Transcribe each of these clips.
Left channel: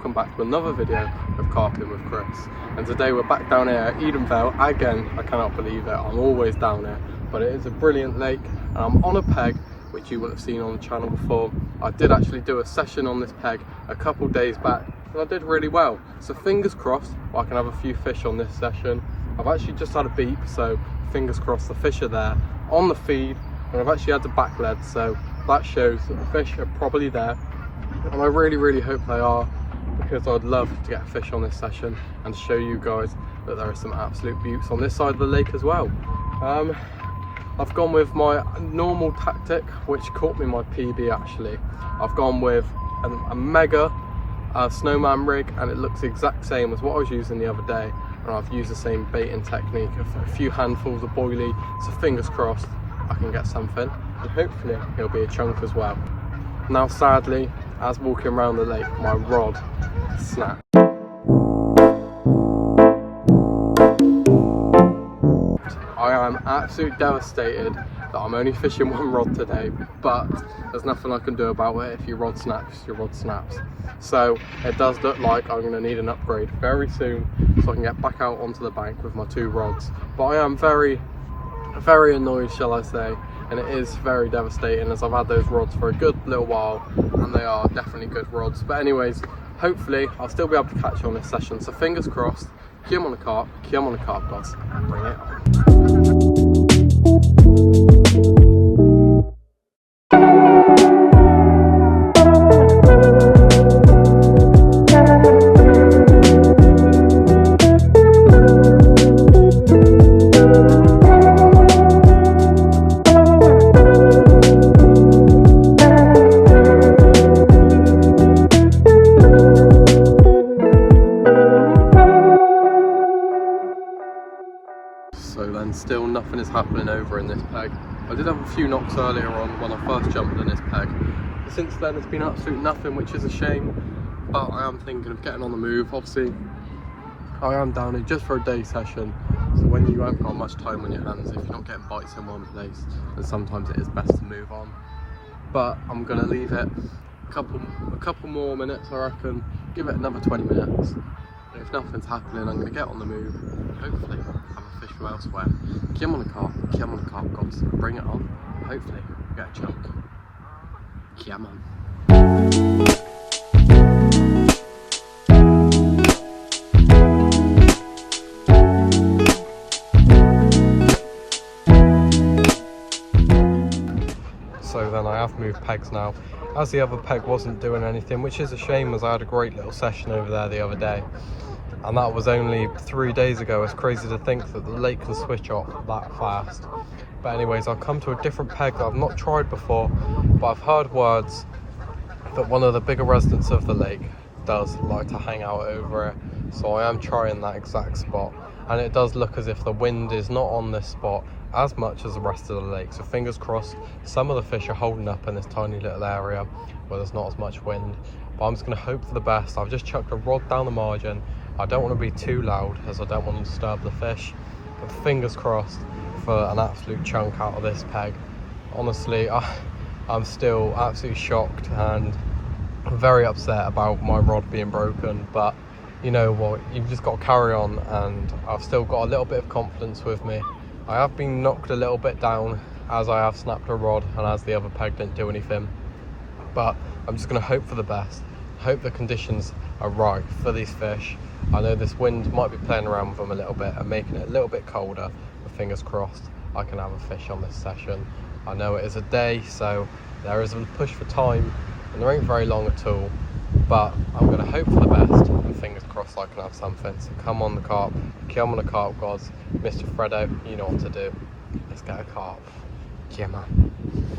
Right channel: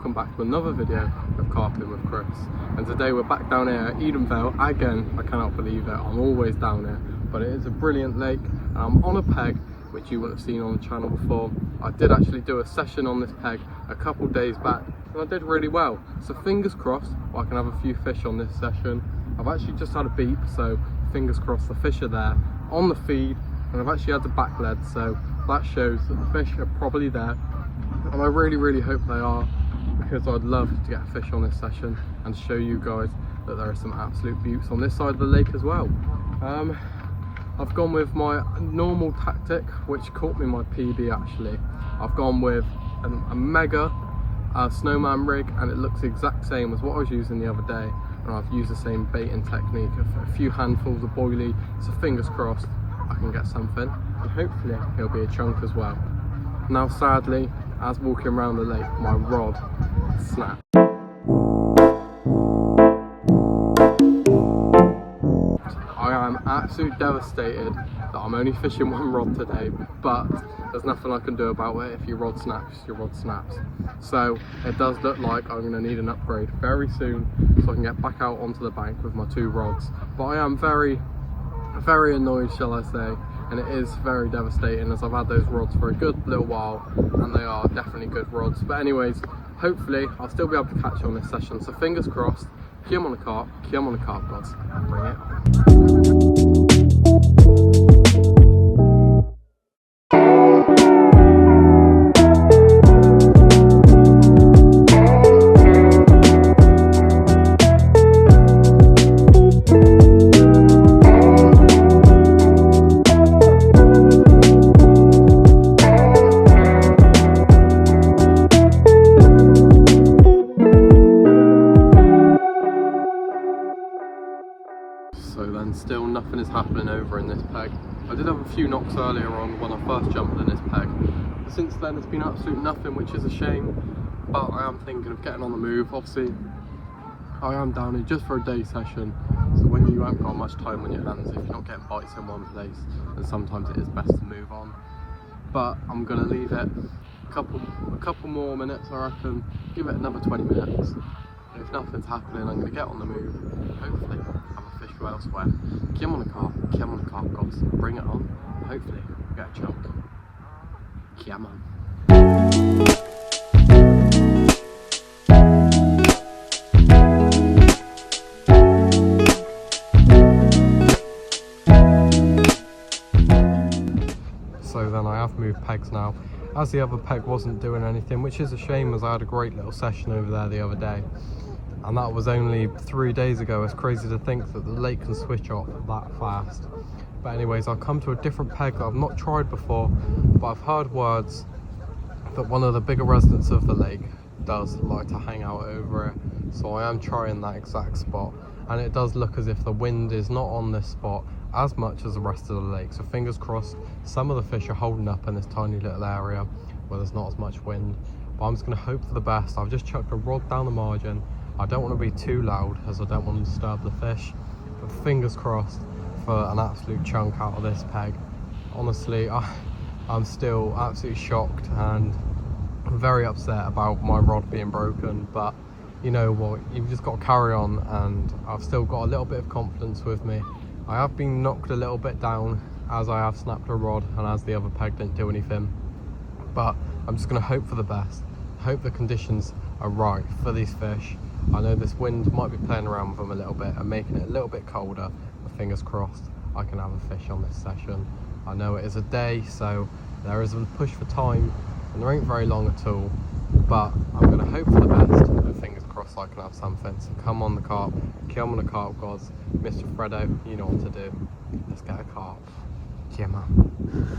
welcome back to another video of Carping with Chris. And today we're back down here at Edenvale again. I cannot believe it, I'm always down here, but it is a brilliant lake and I'm on a peg which you will have seen on the channel before. I did actually do a session on this peg a couple days back and I did really well, so fingers crossed I can have a few fish on this session. I've actually just had a beep, so fingers crossed the fish are there on the feed, and I've actually had the back lead, so that shows that the fish are probably there, and I really hope they are, because I'd love to get a fish on this session and show you guys that there are some absolute beauties on this side of the lake as well. I've gone with my normal tactic, which caught me my PB actually. I've gone with a mega snowman rig, and it looks the exact same as what I was using the other day, and I've used the same baiting technique of a few handfuls of boilie, so fingers crossed I can get something, and hopefully it'll be a chunk as well. Now sadly, as walking around the lake, my rod snapped. I am absolutely devastated that I'm only fishing one rod today, but there's nothing I can do about it. If your rod snaps, your rod snaps. So it does look like I'm going to need an upgrade very soon so I can get back out onto the bank with my two rods. But I am very annoyed, shall I say, and it is very devastating as I've had those rods for a good little while and they are definitely good rods. But anyways, hopefully I'll still be able to catch you on this session, so fingers crossed. Keep on the carp, guys, and bring it on. So then still nothing is happening over in this peg. I did have a few knocks earlier on when I first jumped in this peg, but since then it's been absolute nothing, which is a shame, but I am thinking of getting on the move. Obviously I am down here just for a day session, so when you haven't got much time on your hands, if you're not getting bites in one place, then sometimes it is best to move on. But I'm going to leave it a couple more minutes, I reckon, give it another 20 minutes, and if nothing's happening I'm going to get on the move, hopefully have a fish from elsewhere. Keep on the carp, gods, bring it on, hopefully we'll get a chunk. Come on. So then I have moved pegs now, as the other peg wasn't doing anything, which is a shame as I had a great little session over there the other day. And that was only 3 days ago. It's crazy to think that the lake can switch off that fast. But anyways, I've come to a different peg that I've not tried before, but I've heard words that one of the bigger residents of the lake does like to hang out over it. So I am trying that exact spot, and it does look as if the wind is not on this spot as much as the rest of the lake. So fingers crossed some of the fish are holding up in this tiny little area where there's not as much wind. But I'm just going to hope for the best. I've just chucked a rod down the margin. I don't want to be too loud as I don't want to disturb the fish, but fingers crossed for an absolute chunk out of this peg. Honestly, I'm still absolutely shocked and very upset about my rod being broken, but you know what, you've just got to carry on, and I've still got a little bit of confidence with me. I have been knocked a little bit down as I have snapped a rod and as the other peg didn't do anything, but I'm just going to hope for the best, hope the conditions are right for these fish. I know this wind might be playing around with them a little bit and making it a little bit colder, but fingers crossed I can have a fish on this session. I know it is a day, so there is a push for time and there ain't very long at all, but I'm going to hope for the best and fingers crossed I can have something. So come on the carp, come on the carp gods, Mr. Freddo, you know what to do. Let's get a carp. Come on.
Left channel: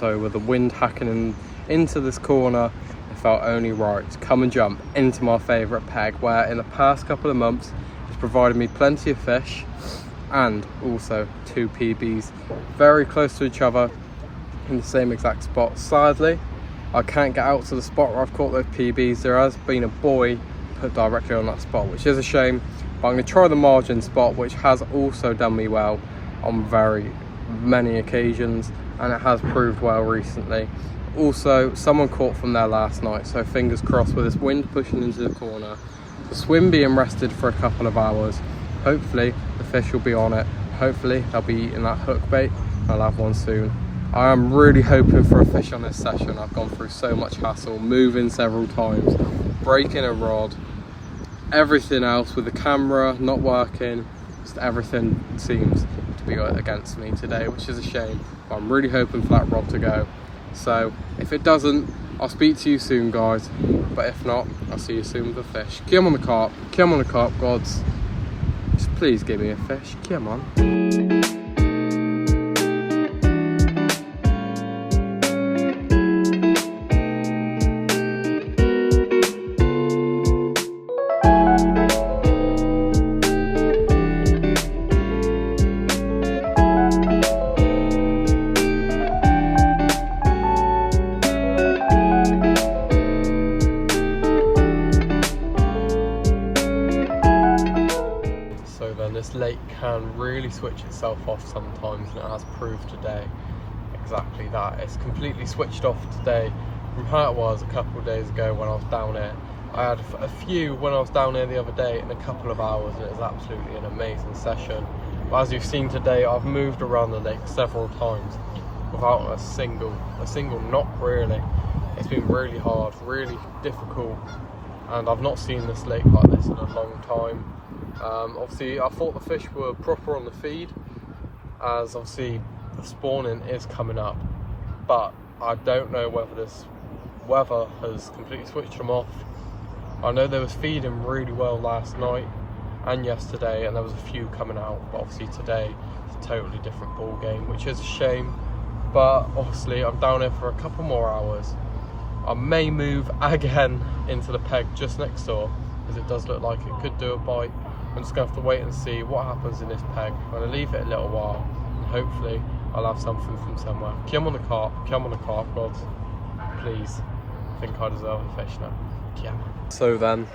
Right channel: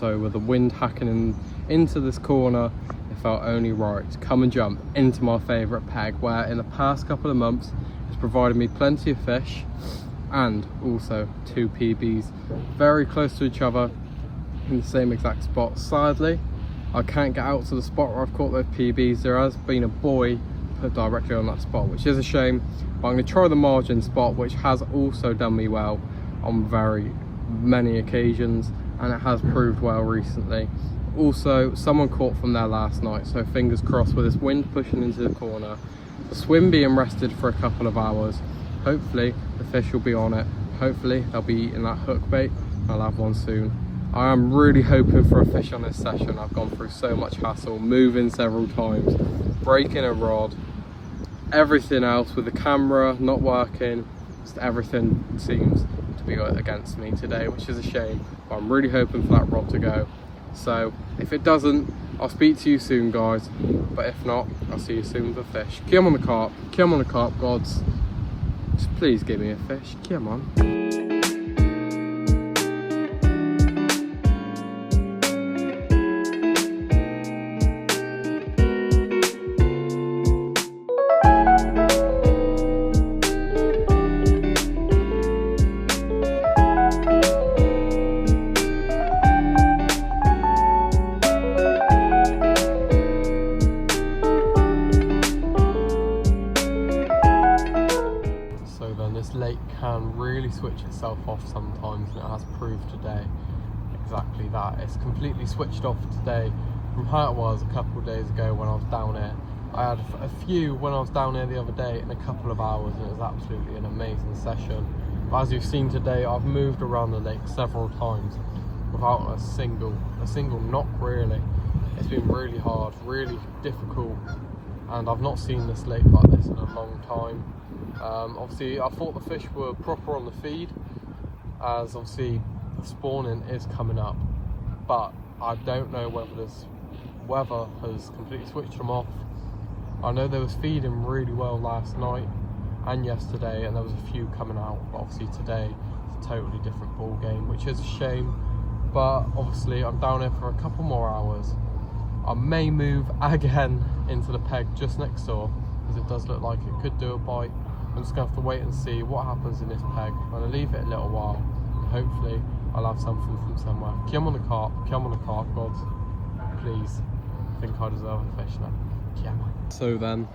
So with the wind hacking into this corner, it felt only right to come and jump into my favourite peg, where in the past couple of months it's provided me plenty of fish and also 2 PBs very close to each other in the same exact spot. Sadly, I can't get out to the spot where I've caught those PBs. There has been a buoy put directly on that spot, which is a shame, but I'm going to try the margin spot, which has also done me well on very many occasions, and it has proved well recently. Also, someone caught from there last night, so fingers crossed with this wind pushing into the corner, the swim being rested for a couple of hours, hopefully the fish will be on it. Hopefully they'll be eating that hook bait. I'll have one soon. I am really hoping for a fish on this session. I've gone through so much hassle, moving several times, breaking a rod, everything else with the camera not working. Just everything seems to be against me today, which is a shame. But I'm really hoping for that rod to go. So if it doesn't, I'll speak to you soon, guys. But if not, I'll see you soon with a fish. Come on the carp, come on the carp, gods. Just please give me a fish, come on. This lake can really switch itself off sometimes, and it has proved today exactly that. It's completely switched off today from how it was a couple of days ago when I was down here. I had a few when I was down here the other day in a couple of hours, and it was absolutely an amazing session. But as you've seen today, I've moved around the lake several times without a single knock really. It's been really hard, really difficult, and I've not seen this lake like this in a long time. Obviously I thought the fish were proper on the feed, as obviously the spawning is coming up, but I don't know whether this weather has completely switched them off. I know they was feeding really well last night and yesterday, and there was a few coming out, but obviously today it's a totally different ball game, which is a shame. But obviously I'm down here for a couple more hours. I may move again into the peg just next door, because it does look like it could do a bite. I'm just going to have to wait and see what happens in this peg. I'm going to leave it a little while, and hopefully I'll have something from somewhere. Come on the carp, gods. Please. I think I deserve a fish now. Come on. So then,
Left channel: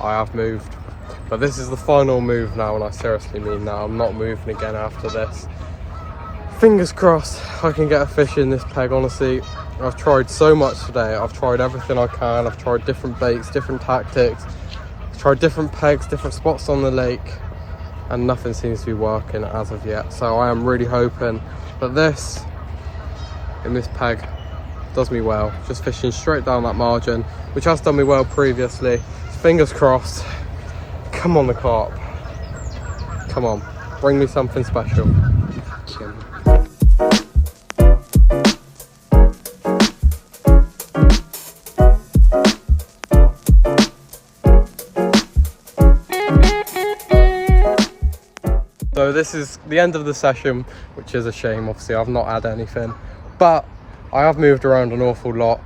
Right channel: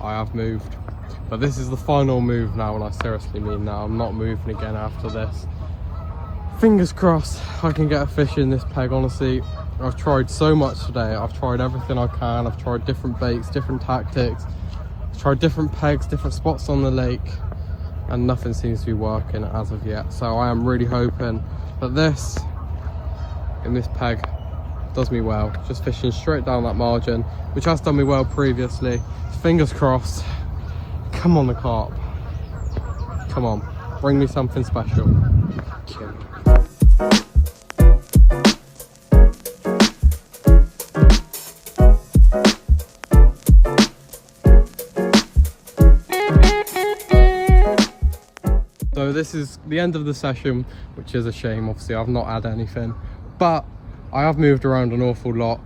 I have moved. But this is the final move now, and I seriously mean that. I'm not moving again after this. Fingers crossed I can get a fish in this peg, honestly. I've tried so much today. I've tried everything I can. I've tried different baits, different tactics. Tried different pegs, different spots on the lake, and nothing seems to be working as of yet. So I am really hoping that this in this peg does me well. Just fishing straight down that margin, which has done me well previously. Fingers crossed. Come on the carp, come on, bring me something special. So this is the end of the session, which is a shame. Obviously I've not had anything, but I have moved around an awful lot,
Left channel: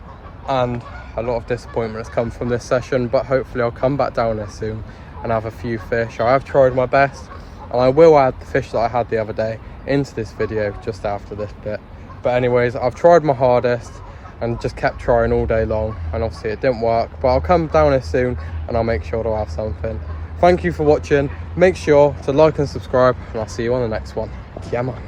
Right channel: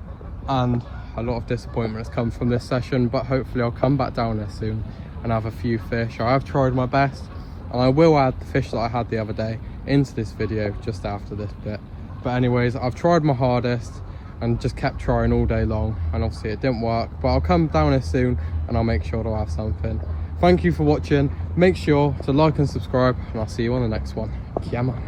and a lot of disappointment has come from this session. But hopefully I'll come back down there soon and have a few fish. I have tried my best, and I will add the fish that I had the other day into this video just after this bit. But anyways, I've tried my hardest and just kept trying all day long, and obviously it didn't work. But I'll come down here soon and I'll make sure to have something. Thank you for watching. Make sure to like and subscribe, and I'll see you on the next one. Come on.